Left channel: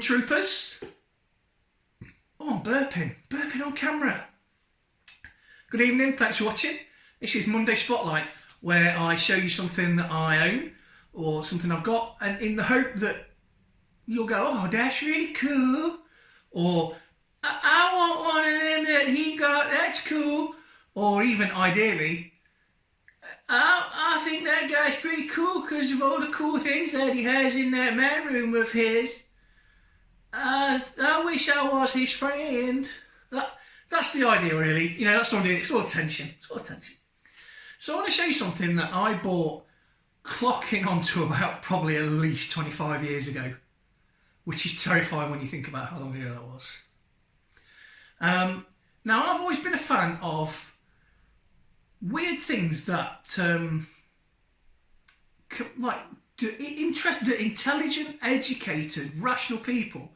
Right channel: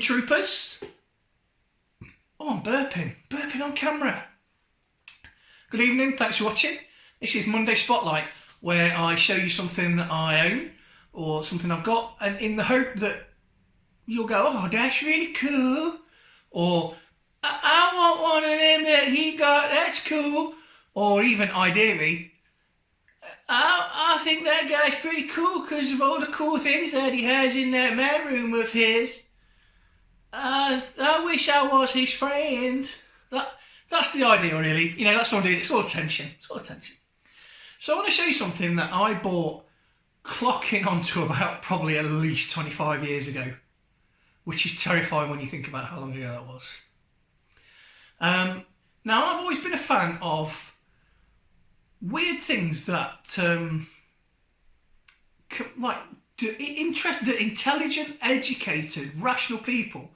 evening, troopers. Oh, I'm burping on camera. Good evening, thanks for watching. This is Monday Spotlight, where I show you something that I own or something I've got, and in the hope that you'll go, oh, that's really cool, or I want one of them that he got, that's cool, or even ideally, I think that guy's pretty cool because of all the cool things that he has in that man room of his. I wish I was his friend. That's the idea, really. You know, that's what it is. It's all attention. It's all attention. So I want to show you something that I bought clocking onto about probably at least 25 years ago, which is terrifying when you think about how long ago that was. Now, I've always been a fan of weird things that, the intelligent, educated, rational people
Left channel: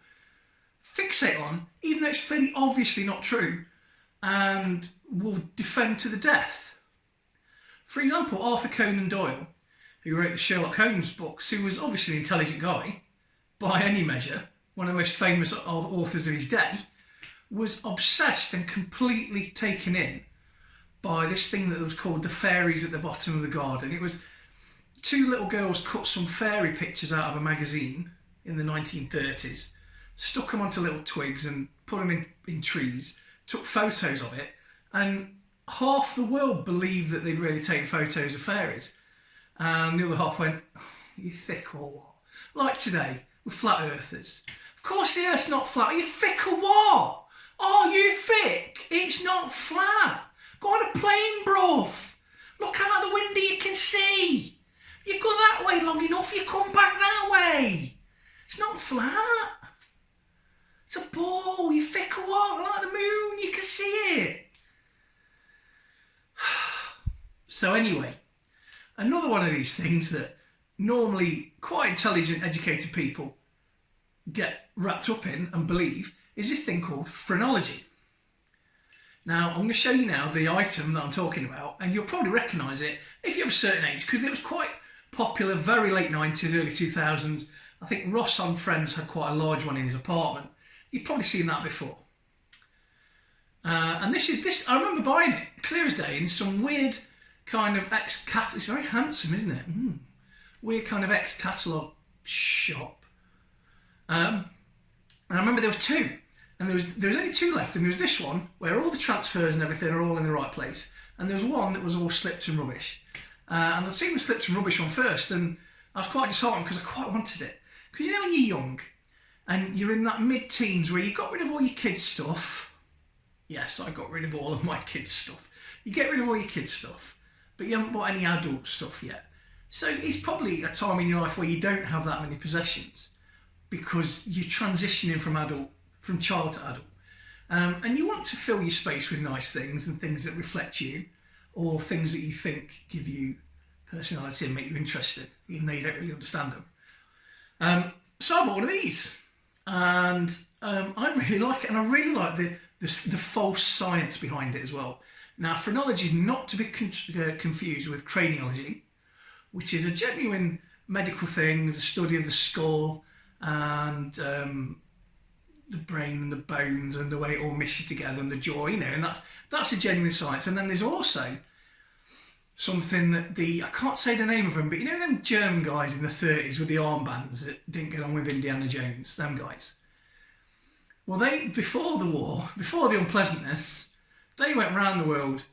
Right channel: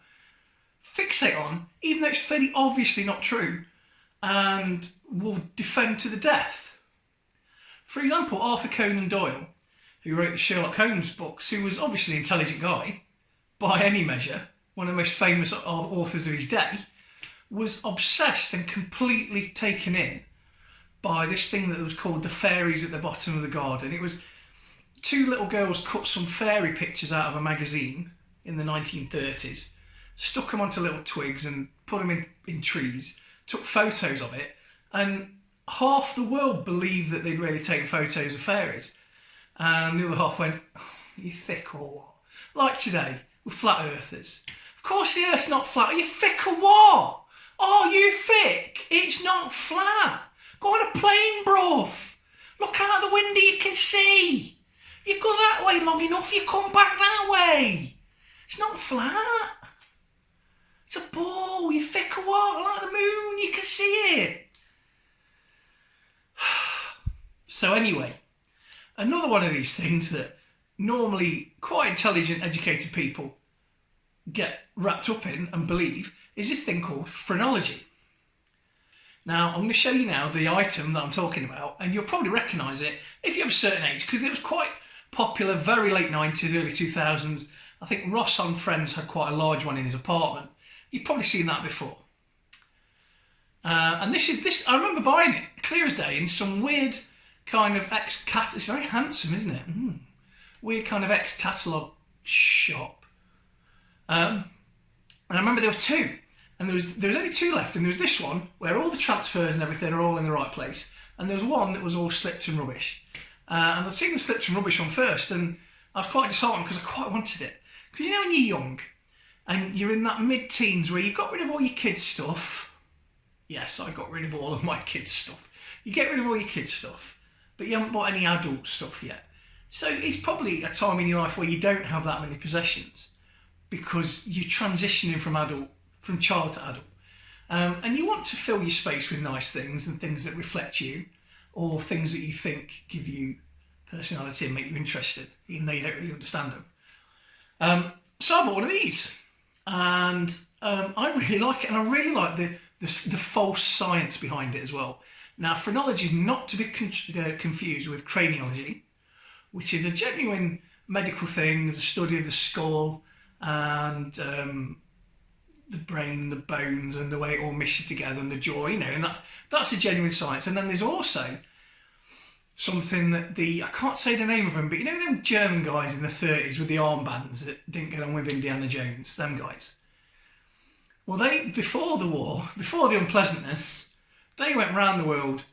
fixate on, even though it's fairly obviously not true, and will defend to the death. For example, Arthur Conan Doyle, who wrote the Sherlock Holmes books, who was obviously an intelligent guy, by any measure, one of the most famous authors of his day, was obsessed and completely taken in by this thing that was called the Fairies at the bottom of the garden. It was two little girls cut some fairy pictures out of a magazine in the 1930s, stuck them onto little twigs and put them in trees, took photos of it, and half the world believed that they'd really taken photos of fairies. And the other half went, oh, you thick or what? Like today, with flat earthers. Of course the earth's not flat. Are you thick or what? Oh, you thick? It's not flat. Go on a plane, bruv. Look out the window, you can see. You go that way long enough, you come back that way. It's not flat. It's a ball, you thick or what? Like the moon, you can see it. So anyway, another one of these things that normally quite intelligent, educated people get wrapped up in and believe is this thing called phrenology. Now, I'm going to show you now the item that I'm talking about, and you'll probably recognise it if you have a certain age, because it was quite popular, very late 90s, early 2000s. I think Ross on Friends had quite a large one in his apartment. You've probably seen that before. And this, I remember buying it, clear as day, in some weird kind of ex-catalog, it's very handsome, isn't it? Weird kind of ex-catalogue shop. And I remember there was two. And there was only two left, and there was this one where all the transfers and everything are all in the right place, and there was one that was all slipped and rubbish. And I'd seen the slipped and rubbish one first, and I was quite disheartened because I quite wanted it. Because you know when you're young and you're in that mid-teens where you've got rid of all your kids' stuff. Yes, I got rid of all of my kids' stuff. You get rid of all your kids' stuff, but you haven't bought any adult stuff yet. So it's probably a time in your life where you don't have that many possessions because you're transitioning from child to adult. And you want to fill your space with nice things and things that reflect you, or things that you think give you personality and make you interested, even though you don't really understand them. So I bought one of these, and I really like it, and I really like the false science behind it as well. Now, phrenology is not to be confused with craniology, which is a genuine medical thing, the study of the skull and the brain and the bones and the way it all meshes together and the jaw, you know, and that's a genuine science. And then there's also something that I can't say the name of them, but you know them German guys in the 30s with the armbands that didn't get on with Indiana Jones, them guys? Well, they, before the war, before the unpleasantness, they went around the world,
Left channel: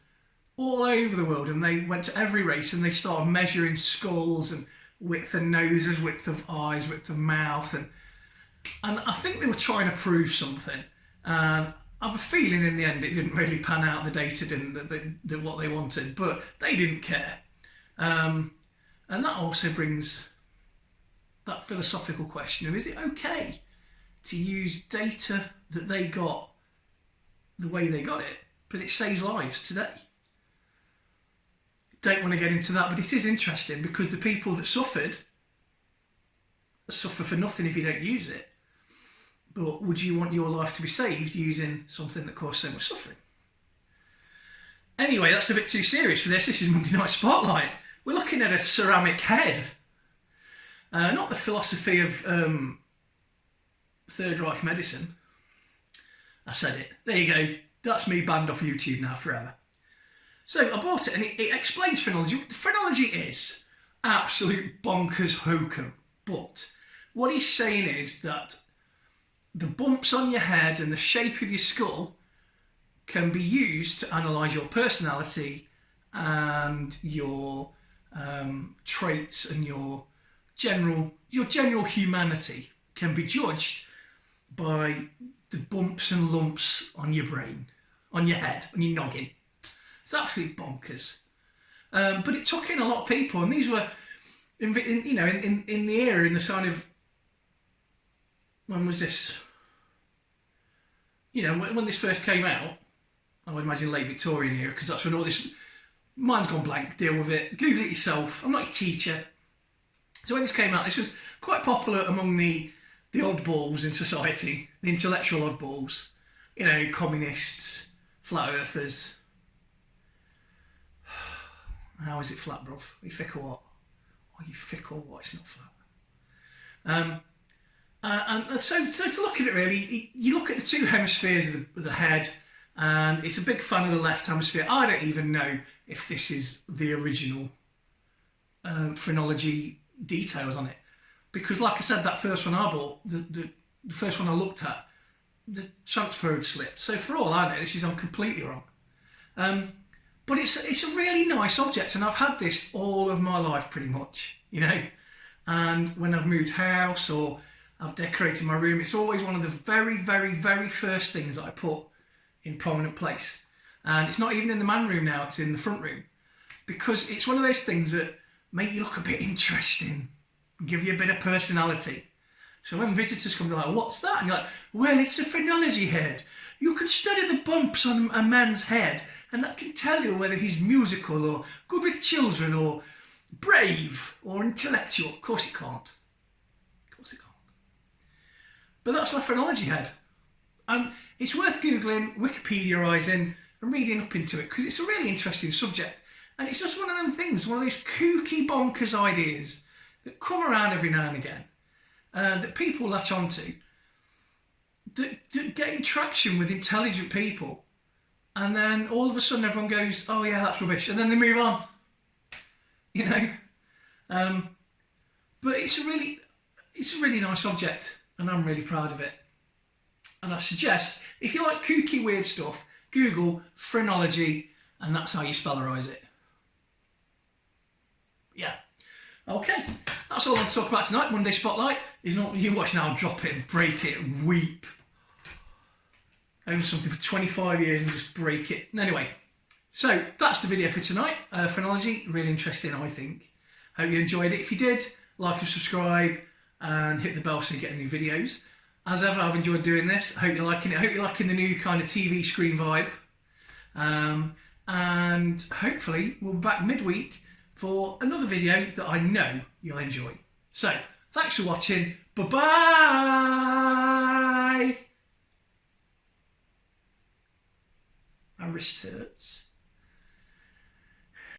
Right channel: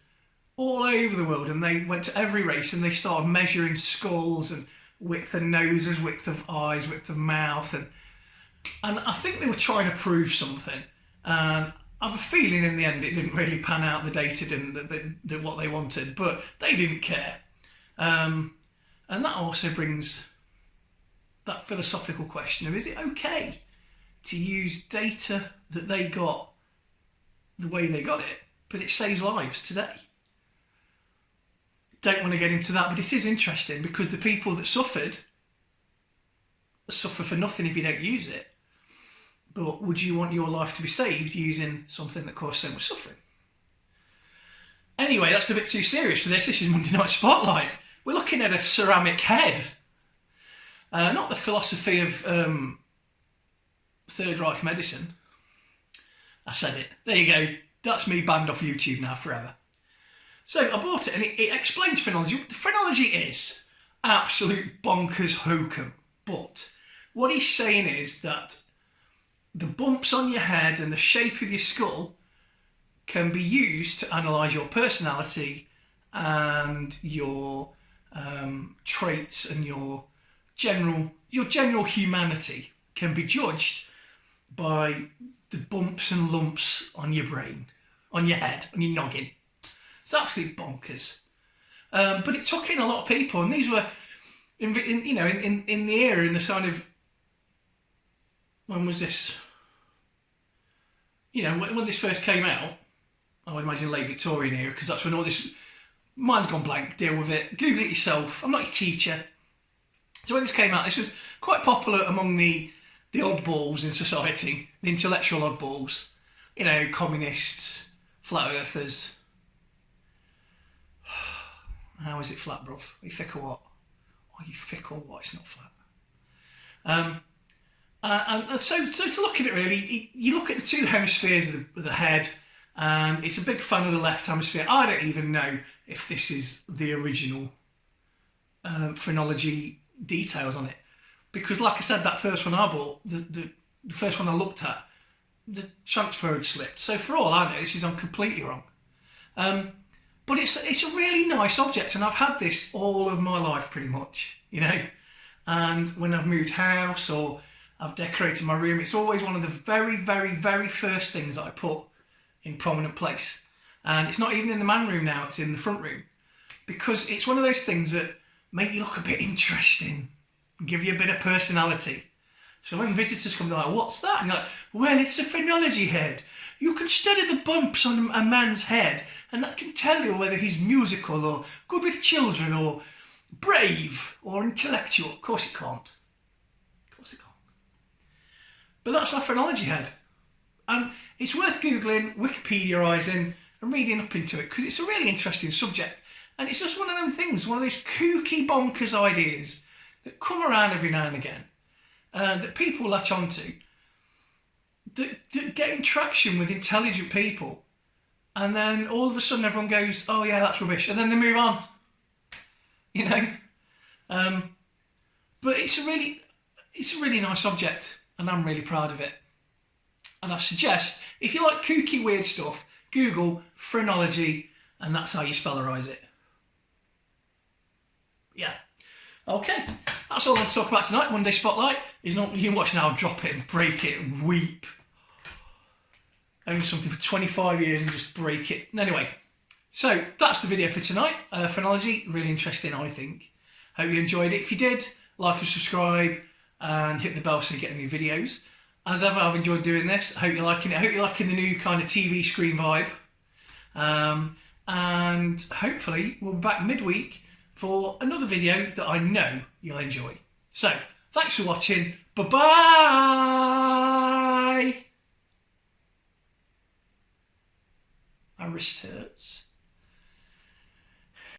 all over the world, and they went to every race and they started measuring skulls and width of noses, width of eyes, width of mouth, and I think they were trying to prove something. And I have a feeling in the end it didn't really pan out, the data didn't, what they wanted, but they didn't care. And that also brings that philosophical question of, is it okay to use data that they got the way they got it, but it saves lives today? Don't want to get into that, but it is interesting because the people that suffer for nothing if you don't use it. But would you want your life to be saved using something that caused so much suffering? Anyway, that's a bit too serious for this. This is Monday Night Spotlight. We're looking at a ceramic head. Not the philosophy of Third Reich medicine. I said it. There you go. That's me banned off YouTube now forever. So I bought it and it explains phrenology. Phrenology is absolute bonkers hokum. But what he's saying is that the bumps on your head and the shape of your skull can be used to analyse your personality and your traits, and your general humanity can be judged by the bumps and lumps on your brain, on your head, on your noggin. It's absolutely bonkers. But it took in a lot of people, and these were, in the era, in the sort of, when was this? When this first came out, I would imagine late Victorian era, because that's when all this, mine's gone blank, deal with it, Google it yourself, I'm not your teacher. So when this came out, this was quite popular among the oddballs in society, the intellectual oddballs, communists, flat earthers. How is it flat, bruv? Are you thick or what? Are you thick or what? It's not flat. And so to look at it really, you look at the two hemispheres of the head, and it's a big fan of the left hemisphere. I don't even know if this is the original phrenology details on it, because like I said, that first one I bought, the first one I looked at, the transfer had slipped. So for all I know, this is completely wrong. But it's a really nice object, and I've had this all of my life pretty much, and when I've moved house or I've decorated my room, it's always one of the very, very, very first things that I put in prominent place. And it's not even in the man room now, it's in the front room, because it's one of those things that make you look a bit interesting and give you a bit of personality. So when visitors come, they're like, what's that? And you're like, well, it's a phrenology head. You can study the bumps on a man's head, and that can tell you whether he's musical or good with children or brave or intellectual. Of course it can't. Of course it can't. But that's my phrenology head. And it's worth Googling, Wikipediaising and reading up into it, because it's a really interesting subject. And it's just one of them things, one of those kooky bonkers ideas that come around every now and again, that people latch onto, that getting traction with intelligent people. And then all of a sudden everyone goes, oh yeah, that's rubbish. And then they move on, But it's a really nice object, and I'm really proud of it. And I suggest, if you like kooky, weird stuff, Google phrenology, and that's how you spellerise it. Yeah. Okay, that's all I want to talk about tonight. Monday Spotlight is not, you can watch now, drop it and break it and weep. Own something for 25 years and just break it. Anyway, so that's the video for tonight. Phrenology, really interesting, I think. Hope you enjoyed it. If you did, like and subscribe and hit the bell so you get new videos. As ever, I've enjoyed doing this. I hope you're liking it. I hope you're liking the new kind of TV screen vibe. And hopefully we'll be back midweek for another video that I know you'll enjoy. So, thanks for watching. Bye-bye! My wrist hurts.